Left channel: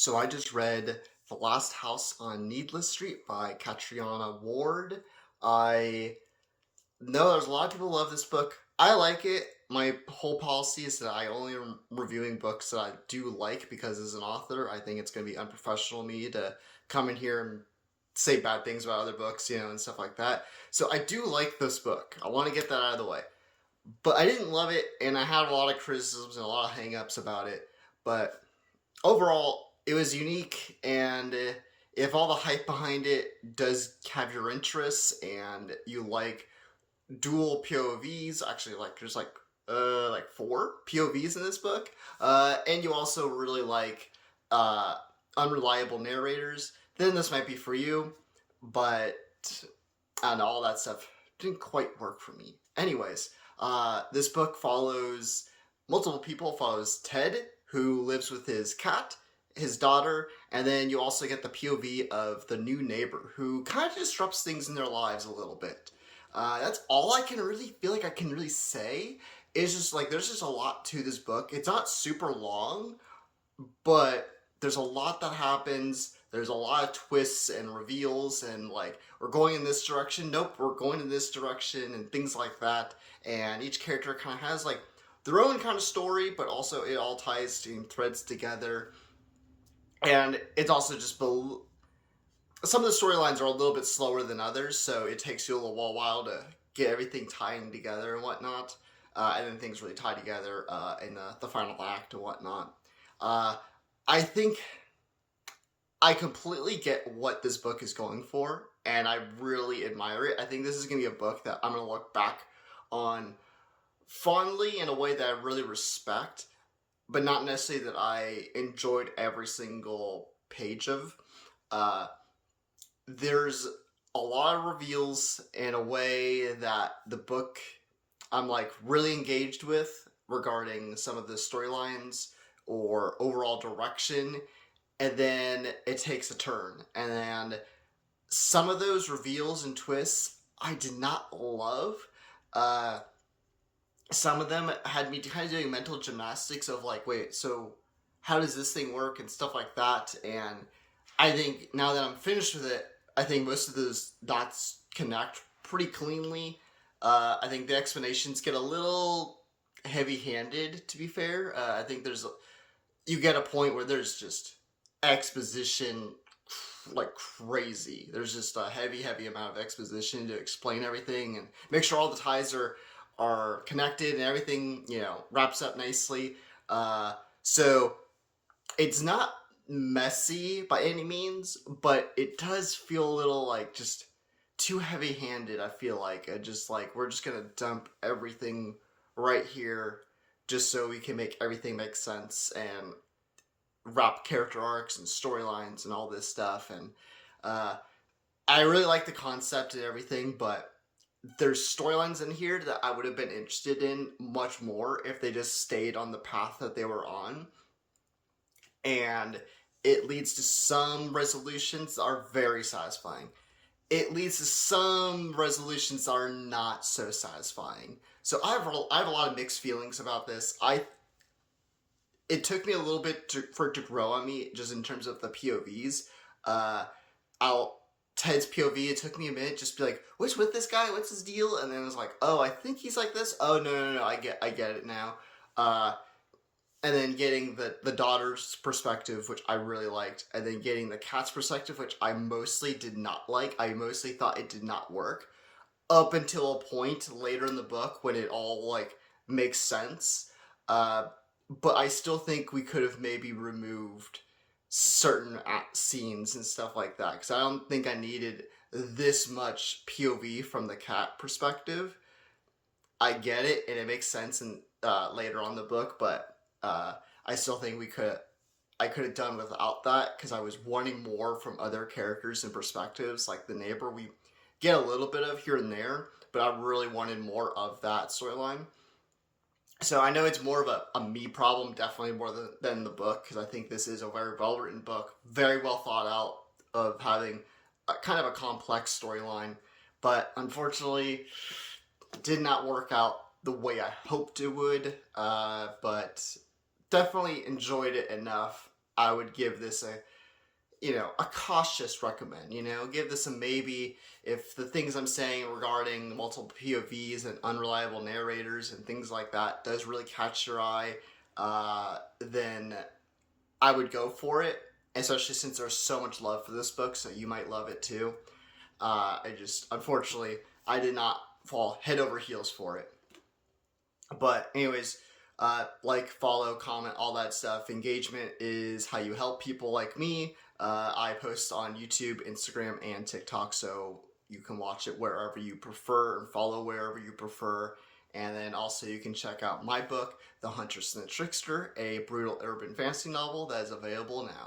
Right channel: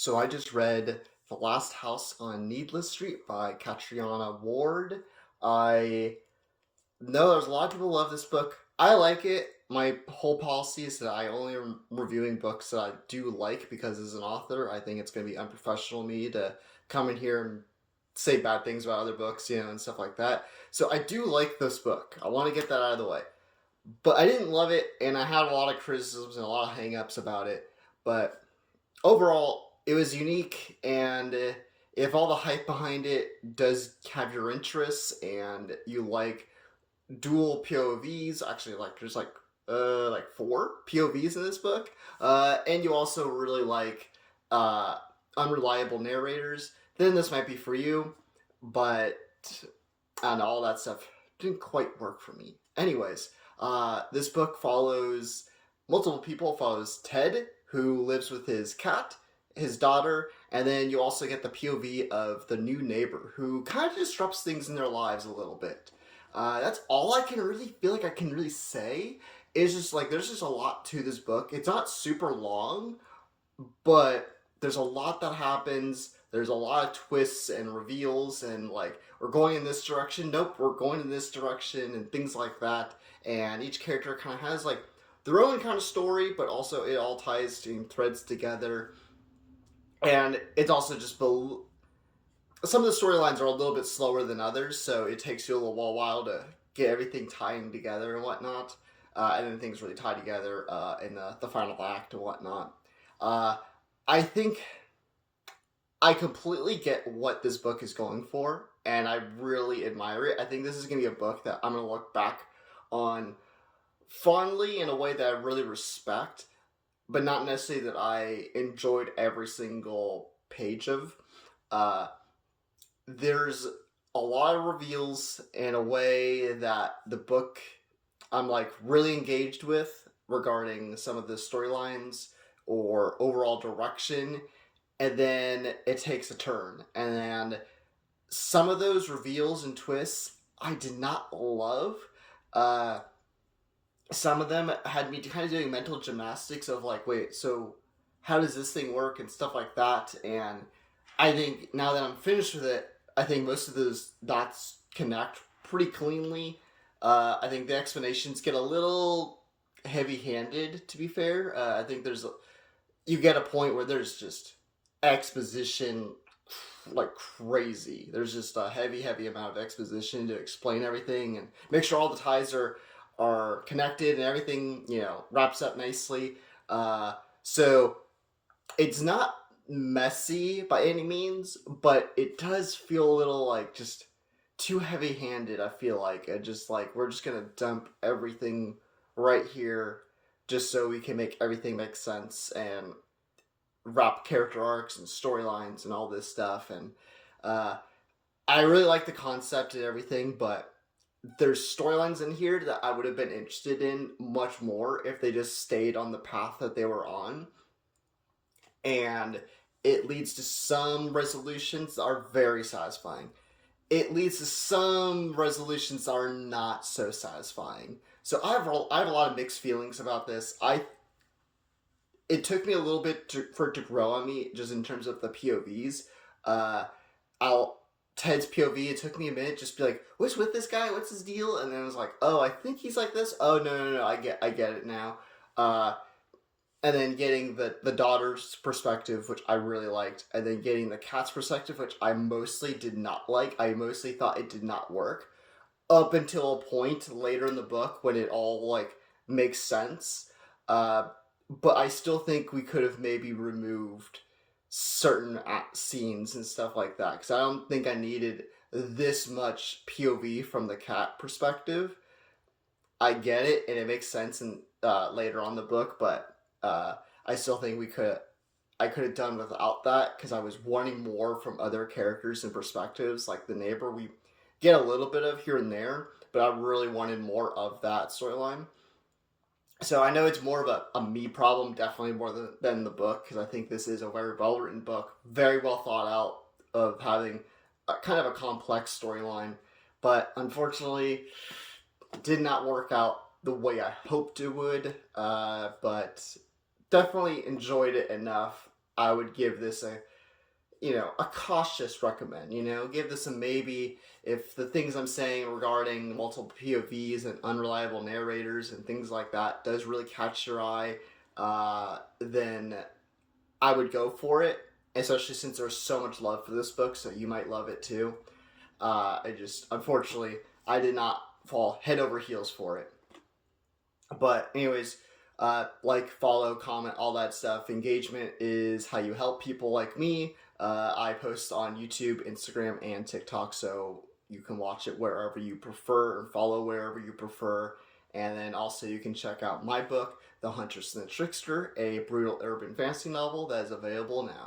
So I just read The Last House on Needless Street by Catriona Ward. I know there's a lot of people who love this book. I like it. My whole policy is that I only am reviewing books that I do like because as an author, I think it's going to be unprofessional of me to come in here and say bad things about other books, and stuff like that. So I do like this book. I want to get that out of the way. But I didn't love it, and I had a lot of criticisms and a lot of hang-ups about it. But overall, it was unique, and if all the hype behind it does have your interests, and you like dual POVs, actually, there's like four POVs in this book, and you also really like uh, unreliable narrators, then this might be for you. But and all that stuff didn't quite work for me. Anyways, this book follows multiple people. Follows Ted, who lives with his cat, his daughter, and then you also get the POV of the new neighbor, who kind of disrupts things in their lives a little bit. That's all I can really feel like I can really say. It's just like there's just a lot to this book. It's not super long, but there's a lot that happens. There's a lot of twists and reveals, and like we're going in this direction. Nope, we're going in this direction, and things like that. And each character kind of has like their own kind of story, but also it all ties and threads together. And it's also just some of the storylines are a little bit slower than others, so it takes you a little while to get everything tying together and whatnot. And then things really tie together in the final act and whatnot. Uh, I think I completely get what this book is going for, and I really admire it. I think this is going to be a book that I'm going to look back on fondly in a way that I really respect, but not necessarily that I enjoyed every single page of. Uh, there's a lot of reveals in a way that the book I'm like really engaged with regarding some of the storylines or overall direction, and then it takes a turn. And then some of those reveals and twists I did not love. Uh, some of them had me kind of doing mental gymnastics of like, wait, so how does this thing work and stuff like that. And I think now that I'm finished with it, I think most of those dots connect pretty cleanly. I think the explanations get a little heavy-handed, to be fair. I think you get a point where there's just exposition like crazy. There's just a heavy amount of exposition to explain everything and make sure all the ties are connected and everything wraps up nicely. So it's not messy by any means, but it does feel a little like just too heavy-handed. I feel like just like we're just gonna dump everything right here just so we can make everything make sense and wrap character arcs and storylines and all this stuff. And I really like the concept and everything, but there's storylines in here that I would have been interested in much more if they just stayed on the path that they were on. And it leads to some resolutions that are very satisfying. It leads to some resolutions that are not so satisfying. So I have a lot of mixed feelings about this. It took me a little bit for it to grow on me, just in terms of the POVs. Uh, Ted's POV, it took me a minute just to be like, what's with this guy? What's his deal? And then I was like, oh, I think he's like this. Oh, no, I get it now. And then getting the daughter's perspective, which I really liked, and then getting the cat's perspective, which I mostly did not like. I mostly thought it did not work up until a point later in the book when it all like makes sense. But I still think we could have maybe removed certain scenes and stuff like that, because I don't think I needed this much POV from the cat perspective. I get it, and it makes sense in later on in the book, but I still think I could have done without that, because I was wanting more from other characters and perspectives. Like the neighbor, we get a little bit of here and there, but I really wanted more of that storyline. So I know it's more of a me problem, definitely more than the book, because I think this is a very well written book, very well thought out, of having kind of a complex storyline, but unfortunately did not work out the way I hoped it would. But definitely enjoyed it enough. I would give this a cautious recommend. Give this a maybe. If the things I'm saying regarding multiple POVs and unreliable narrators and things like that does really catch your eye, then I would go for it, especially since there's so much love for this book, so you might love it too. Unfortunately, I did not fall head over heels for it. But anyways, like, follow, comment, all that stuff. Engagement is how you help people like me. I post on YouTube, Instagram, and TikTok, so you can watch it wherever you prefer and follow wherever you prefer. And then also you can check out my book, The Huntress and the Trickster, a brutal urban fantasy novel that is available now.